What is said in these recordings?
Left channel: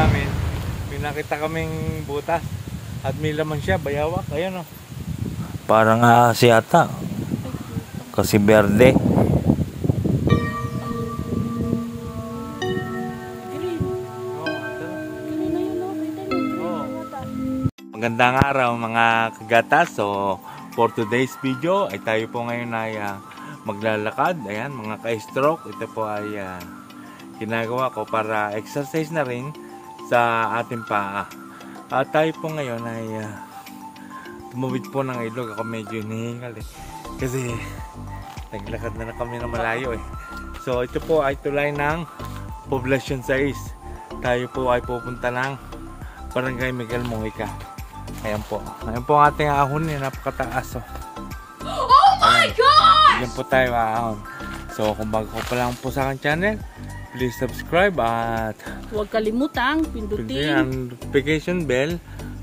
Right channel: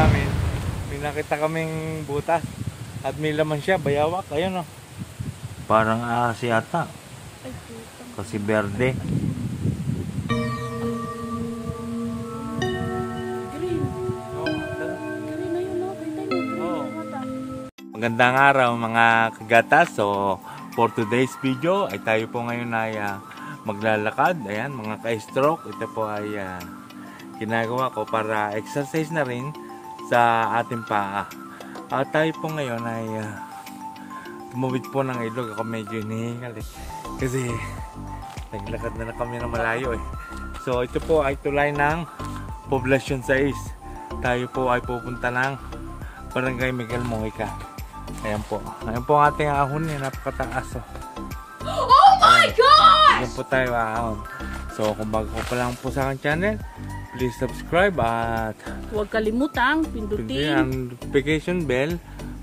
namin, may nakita kaming butas at may laman siya, bayawak. Ayan o. Parang yata. Kasi berde. Magandang araw mga kagatas. So for today's video ay tayo po ngayon ay maglalakad. Ayan, mga ka-stroke. Ito po ay ginagawa ko para exercise na rin sa ating paa. Tayo po ngayon ay tumawid po ng ilog. Ako medyo hinihingal kasi naglakad na kami na malayo So ito po ay tulay ng Poblacion 6. Tayo po ay pupunta ng Barangay Miguel Mojica. Ayan po ang ating ahon, napakataas. Oh my gosh! Ayan po tayo ahon. So kung bago pa lang po sa aking channel, please subscribe at huwag kalimutang pindutin ang notification bell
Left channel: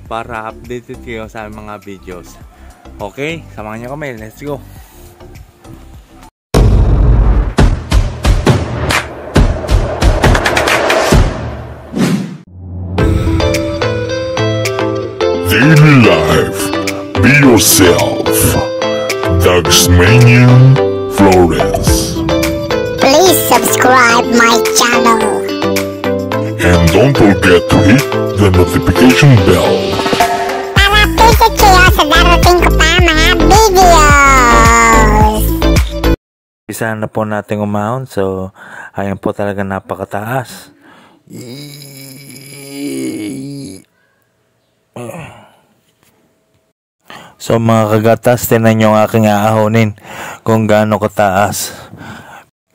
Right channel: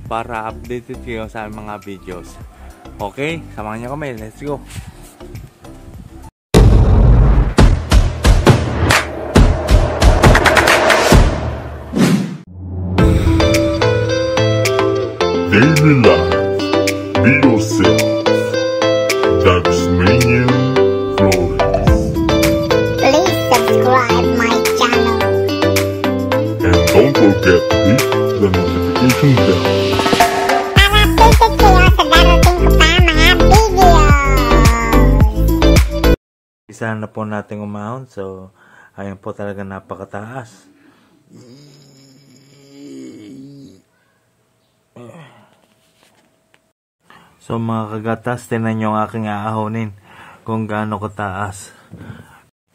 para updated kayo sa mga videos. Okay, samahan niyo kami. Let's go! Daily life, be yourself. Dagsmanian Flores. Please subscribe my channel. And don't forget to hit the notification bell. Para updated kayo sa darating ko pa mga videos. Isa na po natin umahon. So, ayan po talaga napakataas. So mga kagatas, tinan nyo ang aking aahonin kung gaano kataas.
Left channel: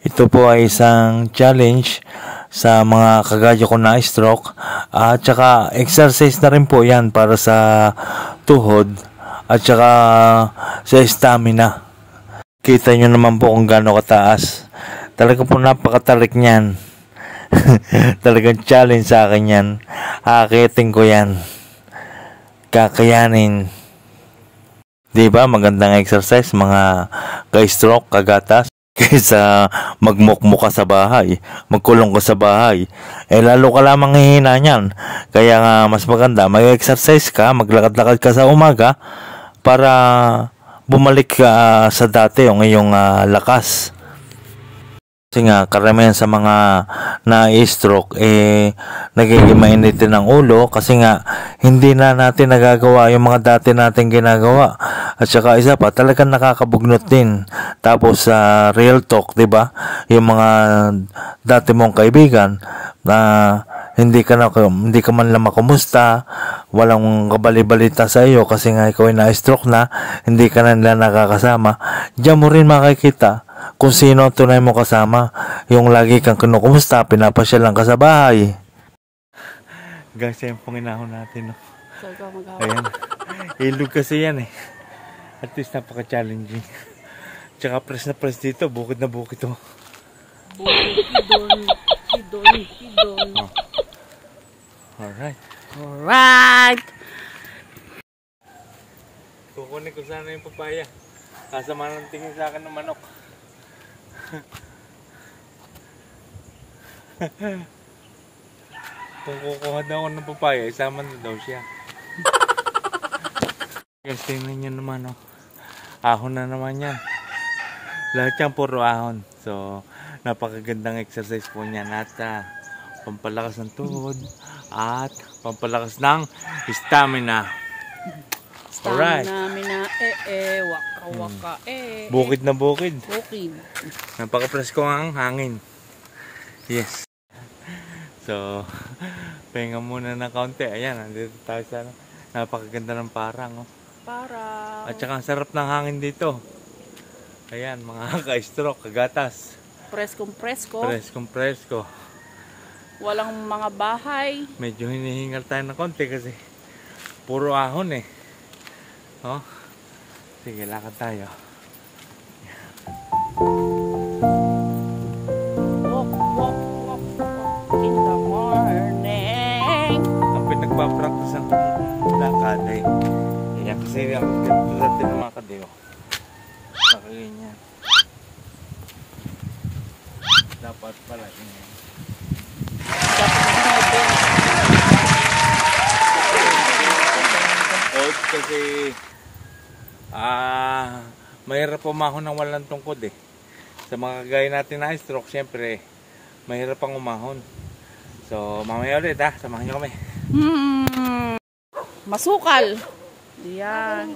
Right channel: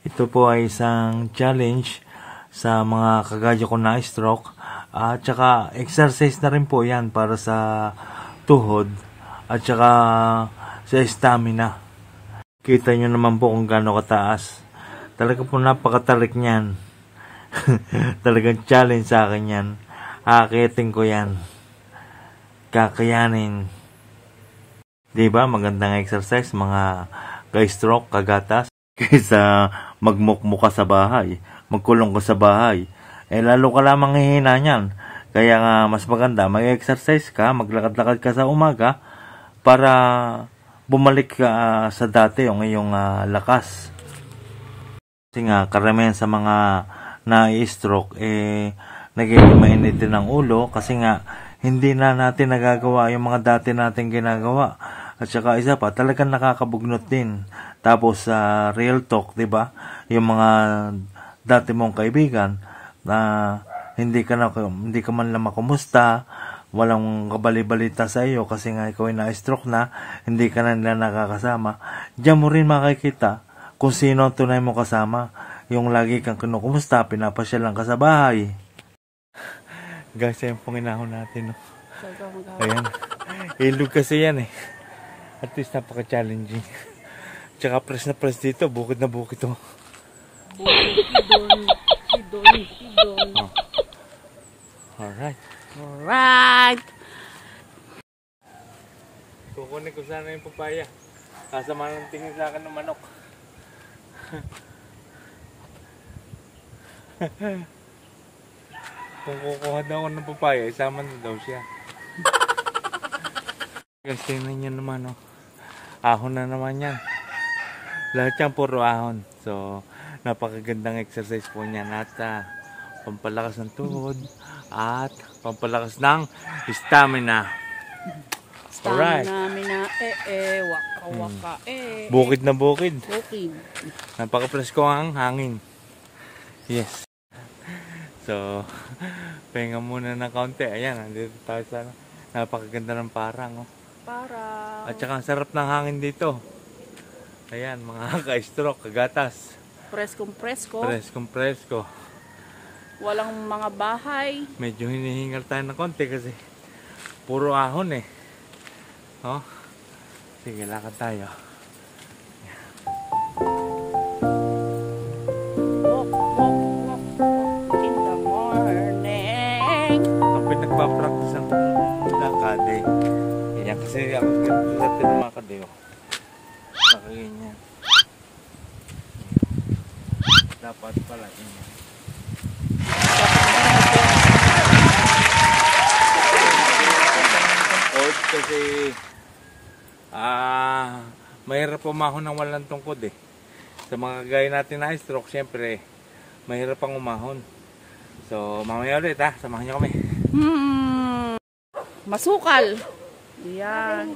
Ito po ay isang challenge sa mga kagaya ko na stroke. At saka exercise na rin po yan para sa tuhod at saka sa stamina. Kita nyo naman po kung gaano kataas. Talaga po napakatarik niyan. Talagang challenge sa akin yan. Akitin ko yan. Kakayanin. Diba? Magandang exercise mga ka-stroke, kagatas. Kaysa magmukmuk ka sa bahay, magkulong ka sa bahay, lalo ka lamang hihina niyan. Kaya nga mas maganda, mag-exercise ka, maglakad-lakad ka sa umaga para bumalik ka sa dati yung iyong lakas. Kasi nga, karamihan sa mga na-stroke, nagiging mainitin ng ulo kasi nga, hindi na natin nagagawa yung mga dati natin ginagawa. At saka isa pa, talagang nakakabugnot din. Tapos, real talk, diba? Yung mga dati mong kaibigan, na hindi ka man lang makumusta, walang kabali-balita sa iyo kasi nga ikaw ay na-stroke na, hindi ka na nila nakakasama. Diyan mo rin makikita kung sino tunay mo kasama. Yung lagi kang kinukumusta, pinapasyal lang ka sa bahay. Guys, ayan pong inahon natin. Ayan. Ilog kasi yan At least napaka-challenging. Tsaka press na press dito, bukid na bukid to. Hidon. Alright. Kukunin ko sana yung papaya. Kasama ng tingin sa akin ng manok. Kung kukuha daw ako ng papaya, isama na daw siya. Guys, tingnan nyo naman ahon na naman yan. Lahat yan puro ahon. So napakagandang exercise po niyan at pampalakas ng tuhod at pampalakas ng stamina. Alright. Waka. Bukid na bukid. Napaka-presko ang hangin. Yes. So, pahinga muna ng kaunti. Ayan, nandito tayo sa napakaganda ng parang. Parang. At saka ang sarap ng hangin dito. Ayan, mga ka-stroke, kagatas. Preskong presko. Walang mga bahay. Medyo hinihingal tayo ng konti kasi puro ahon Sige, lakad tayo. Walk in the morning. Ang pinagpa-practice ang lakad Yan kasi ako dati lumakad Nakaganyan. Dapat pala ganyan. kasi mahirap umahon ng walang tungkod eh. Sa mga kagaya natin na stroke, syempre mahirap pang umahon. So mamaya ulit samahan nyo kami. Masukal. Yan.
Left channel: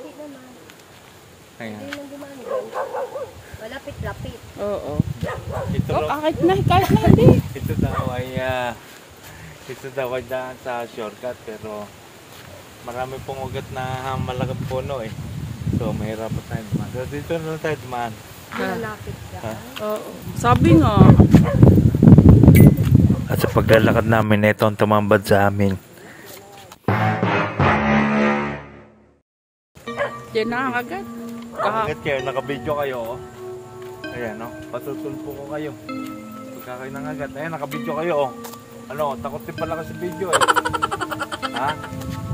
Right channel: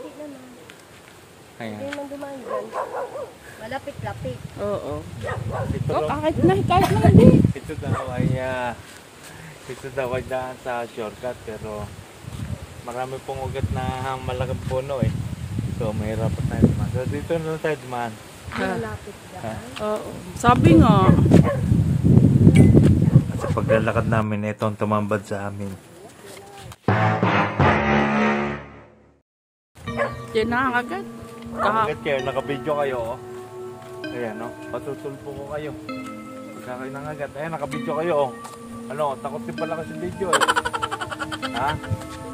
Hindi man dumaan dyan. Malapit-lapit. Oo. Ito, Kahit na hindi. ito daw ay daan sa shortcut, pero marami pong ugat na malaking puno eh. So mahirap pa tayo dumaan. So dito na lang tayo dumaan. Malapit dyan. Oo. Sabi nga. At sa paglalakad namin, ito ang tumambad sa amin. Yan na agad. Agad kayo, nakabidyo kayo oh. Ayan oh, patutulpo ko kayo. Ikakay ng agad. Ayan, nakabidyo kayo oh. Ano, takot din pala kasi video eh. Ha?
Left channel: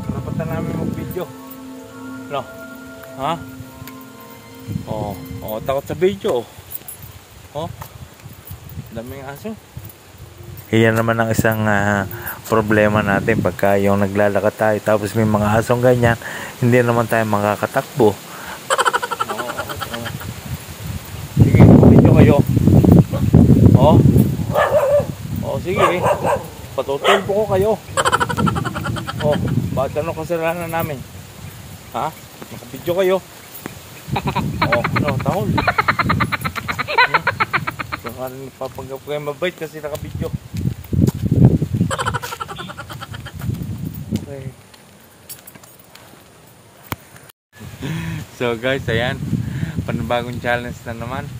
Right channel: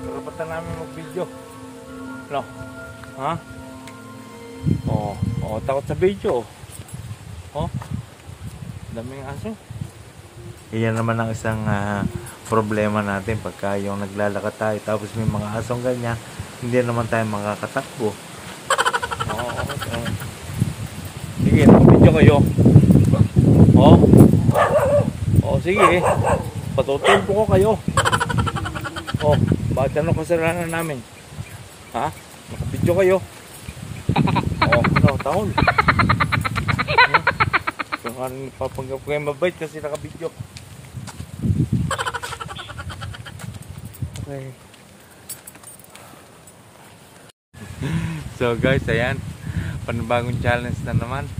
Karapatan namin mag-video. Ano? Ha? Oo, takot sa video oh. Daming aso. Iyan naman ang isang problema natin pagka yung naglalakad tayo tapos may mga asong ganyan, hindi naman tayo makakatakbo. Sige, nakabidyo kayo. Sige. Patutulpo ko kayo. Bakit ano kasalanan namin? Ha? Nakabidyo kayo. Tahol. Saka rin papanggap ko kayo mabait kasi nakabidyo. Okay. So guys, ayan. Panibagong challenge na naman.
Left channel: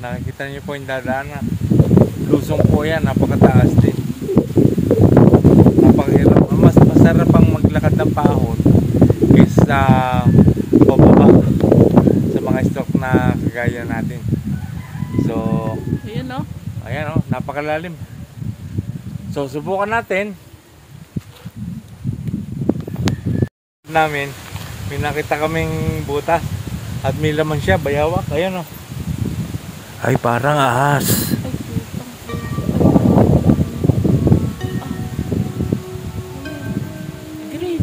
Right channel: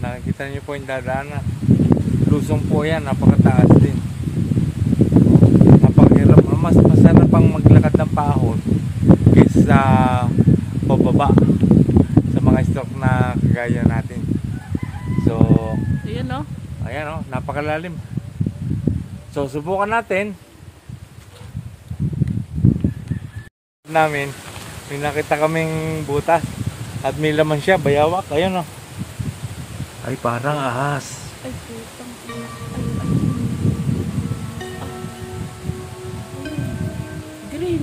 Nakikita niyo po yung dadaanan. Lusong po yan, napakataas din. Napakahirap. Mas masarap pang maglakad ng paahon kaysa pababa sa mga stroke na kagaya natin. So, ayan o, napakalalim. So, subukan natin. May nakita kaming butas at may laman siya, bayawak. Ayan o. Ay, parang ahas. Ay, putang. Green.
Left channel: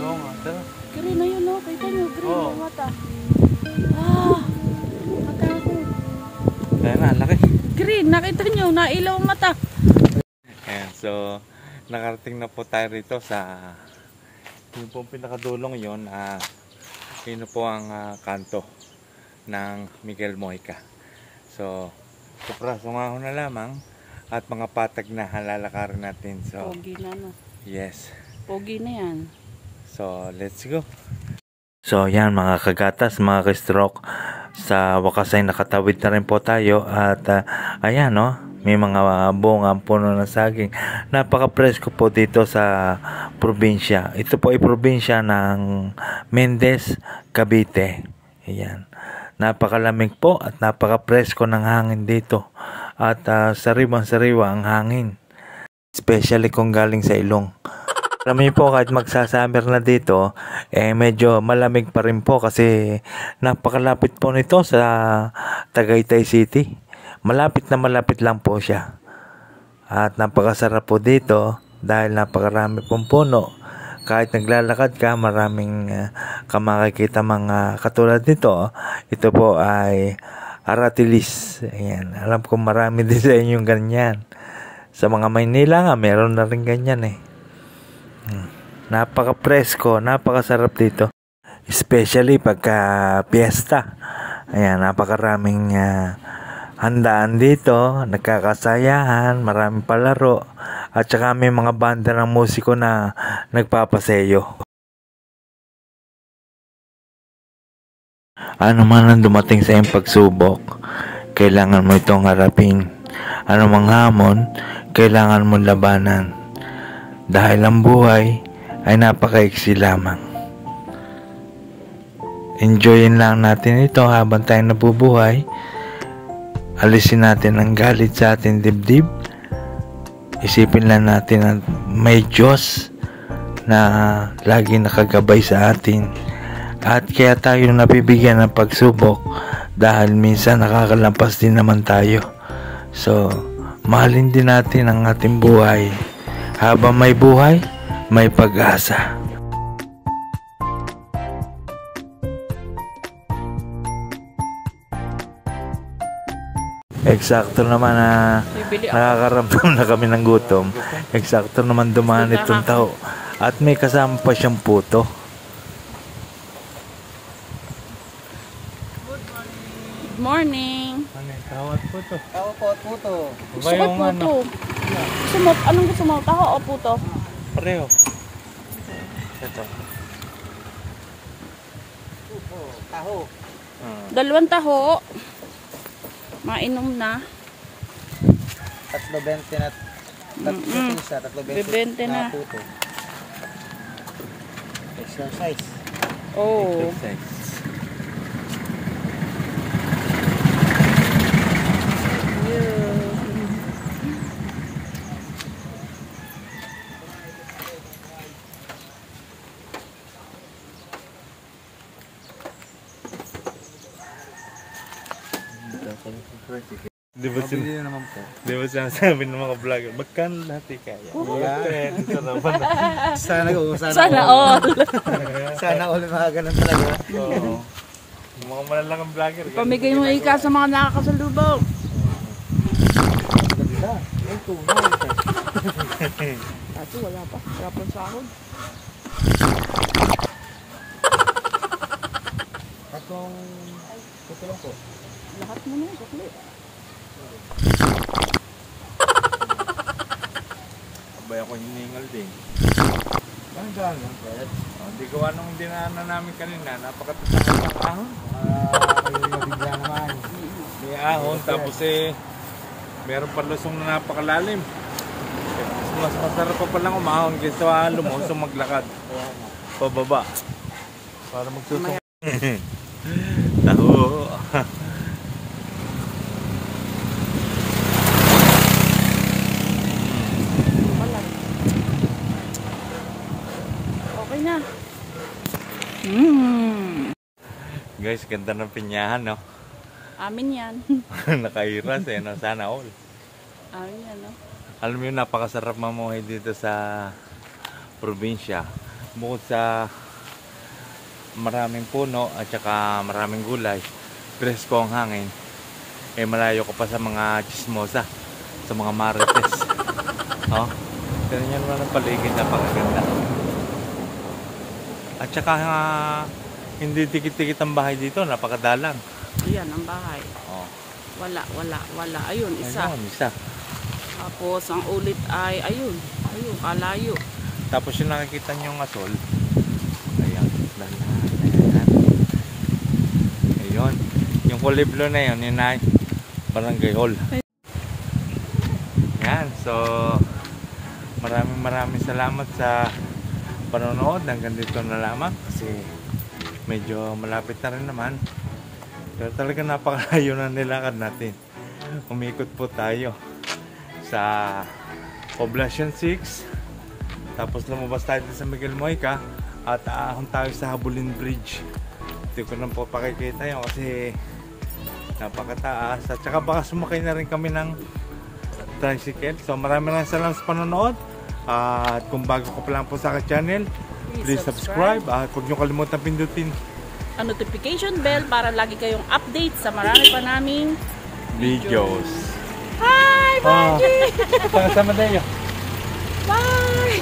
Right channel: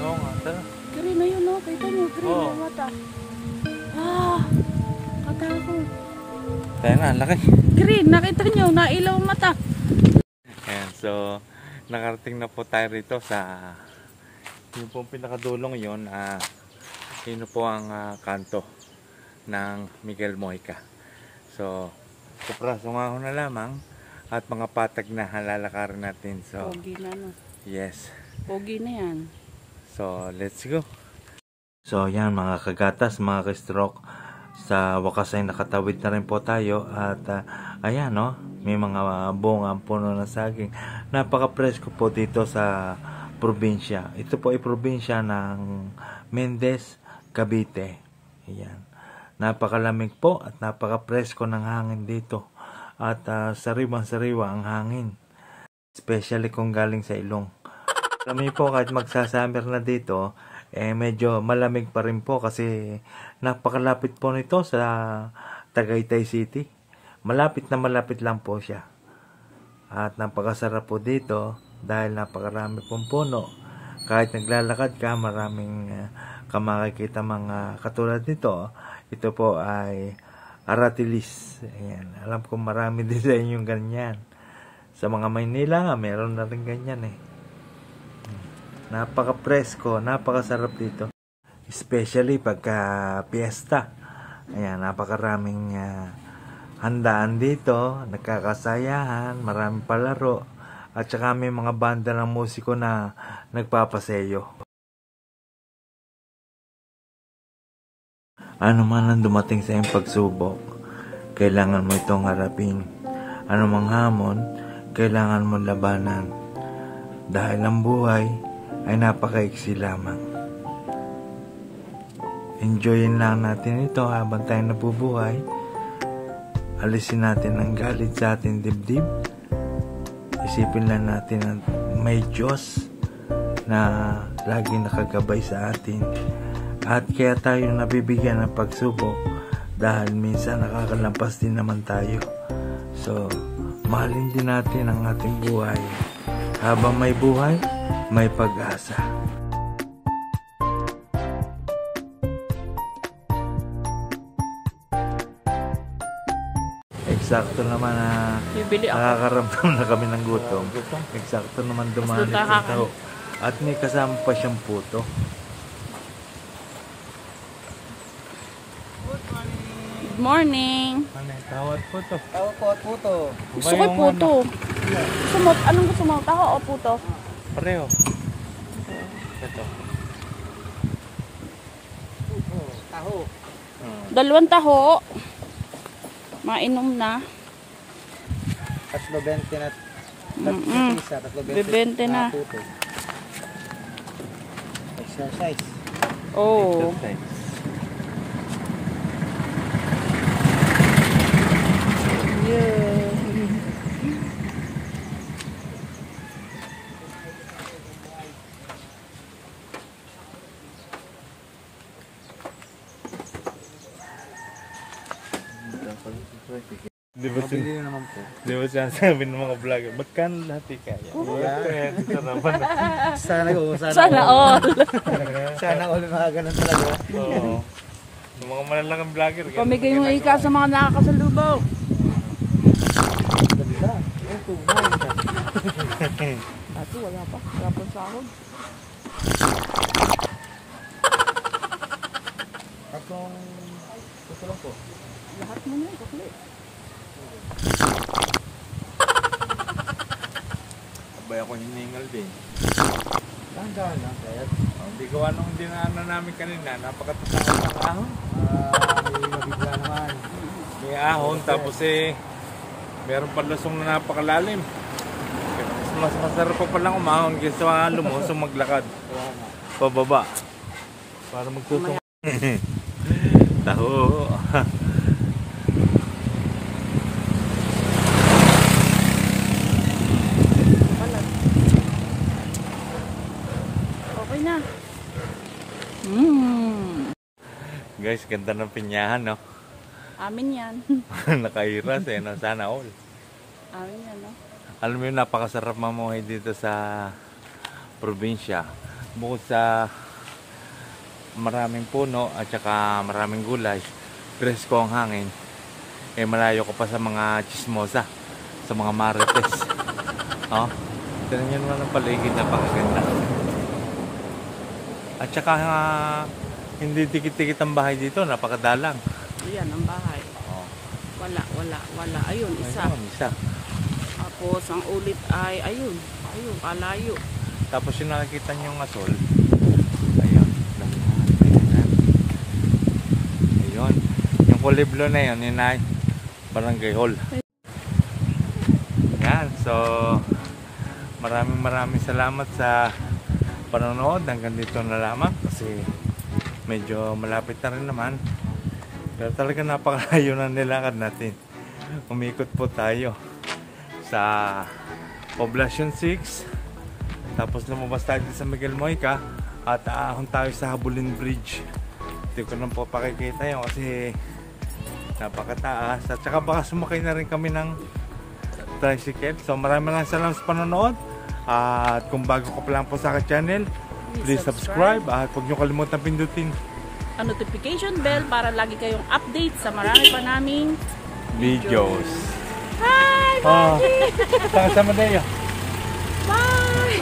Oo nga, tara. Green na yun, no? Kita nyo, green Oo. yung mata. Katakot. Ayan na, laki. Green, nakita nyo, nailaw ang mata. Ayan, so nakarating na po tayo rito sa yung po pinakadulong yun. Yun po ang kanto ng Miguel Mojica. So kapraso nga ako na lamang at mga patag na halalakarin natin. So Pogi na, no? yes, Pogi na yan. so let's go. So yan mga kagatas, mga ka-stroke, sa wakas ay nakatawid na rin po tayo at ayan no, may mga bunga puno ng saging. Napaka-presko po dito sa probinsya. Ito po ay probinsya ng Mendez, Cavite. Ayan. Napakalamig po at napaka-presko ng hangin dito. At sariwang-sariwa ang hangin. Especially kung galing sa ilong. Alam niyo po, kahit magsasummer na dito, medyo malamig pa rin po kasi napakalapit po nito sa Tagaytay City. Malapit na malapit lang po siya. At napakasarap po dito dahil napakarami pong puno. Kahit naglalakad ka, maraming makikita mga katulad nito. Ito po ay aratilis. Ayan. Alam ko marami din sa inyong ganyan. Sa mga Maynila nga, meron na rin ganyan eh. Napaka-presko, napakasarap dito. Especially pagka piyesta. Ayan, napakaraming handaan dito, nagkakasayahan, maraming palaro. At saka may mga banda ng musiko na nagpapaseyo. Ano man ang dumating sa iyong pagsubok, kailangan mo itong harapin. Ano mang hamon, kailangan mo labanan. Dahil ang buhay ay napakaiksi lamang. Enjoyin lang natin ito habang tayo nabubuhay. Alisin natin ang galit sa ating dibdib. Isipin lang natin na may Diyos na lagi nakagabay sa atin. At kaya tayo nabibigyan ng pagsubok dahil minsan nakakalampas din naman tayo. So, mahalin din natin ang ating buhay. Habang may buhay, may pag-asa. Eksakto naman na Bibili ako. nakakaramdam na kami ng gutom. Eksakto naman dumaan itong tao. At may kasama pa siyang puto. Good morning. Ano, tawad po to. Tao po at puto. Gusto ko puto. Gusto mo, anong gusto mo? Taho o puto? Pareho. Ito. Taho. Dalawang taho. Mainom na. 3.20 na. Isa, 3.20 3.20 na. puto. Exercise. Oh. Yeah. Di ba Mabili naman po. Di ba sinasabi ng mga vlogger, magkano natin kaya? Sana all. Sana all. Sana all mga ganun talaga. Oo. Yung mga malalaking vlogger. Pamigay mo ika sa mga nakakasalubong. Ganda. Eh, tunay. Tato, wala pa. Wala pa sahod. Atong puto lang po. Lahat mo na yun, sukli. Abay ako hiningal din. Ang dami lang, Fred. Hindi gawa nung dinaanan namin kanina, napakatitakot ng ahon. Mabigyan nga. May ahon, tapos meron pa lusong na napakalalim. Mas masarap pa palang umahon kaysa lumusong maglakad. Pababa. Para magsusong. Taho. Balag. Okay na. Mm. Guys, ganda ng pinyahan, no? Amin yan. Nakairas sana all. Amin yan, no? Alam mo yun, napakasarap mamuhay dito sa probinsya. Bukod sa maraming puno at saka maraming gulay, presko ang hangin, malayo ka pa sa mga chismosa, sa mga marites. Oh, tingnan naman ang paligid, napakaganda. At saka hindi tikit-tikit ang bahay dito, napakadalang. Ayan, ang bahay. Oh. Wala. Ayun, isa. Ayun, isa. Tapos, ang ulit ay, ayun, kalayo. Tapos yung nakikita nyo yung asol, ayan, ayun, yung kuliblo na yun, yun ay barangay hall. Yan, so maraming salamat sa panonood. Hanggang dito na lamang kasi medyo malapit na rin naman, pero talaga napakalayo na nilakad natin. Umikot po tayo sa Poblacion 6, tapos lumabas tayo sa Miguel Moica at aahon tayo sa Habulin Bridge. Hindi ko nang po pakikita yun kasi napakataas, at saka baka sumakay na rin kami ng tricycle. So maraming salamat sa panonood, at kung bago ka pa lang po sa aking channel, please subscribe at huwag nyo kalimutan pindutin Ang notification bell para lagi kayong update sa marami pa naming videos. Hi! Sama-sama tayo. Bye!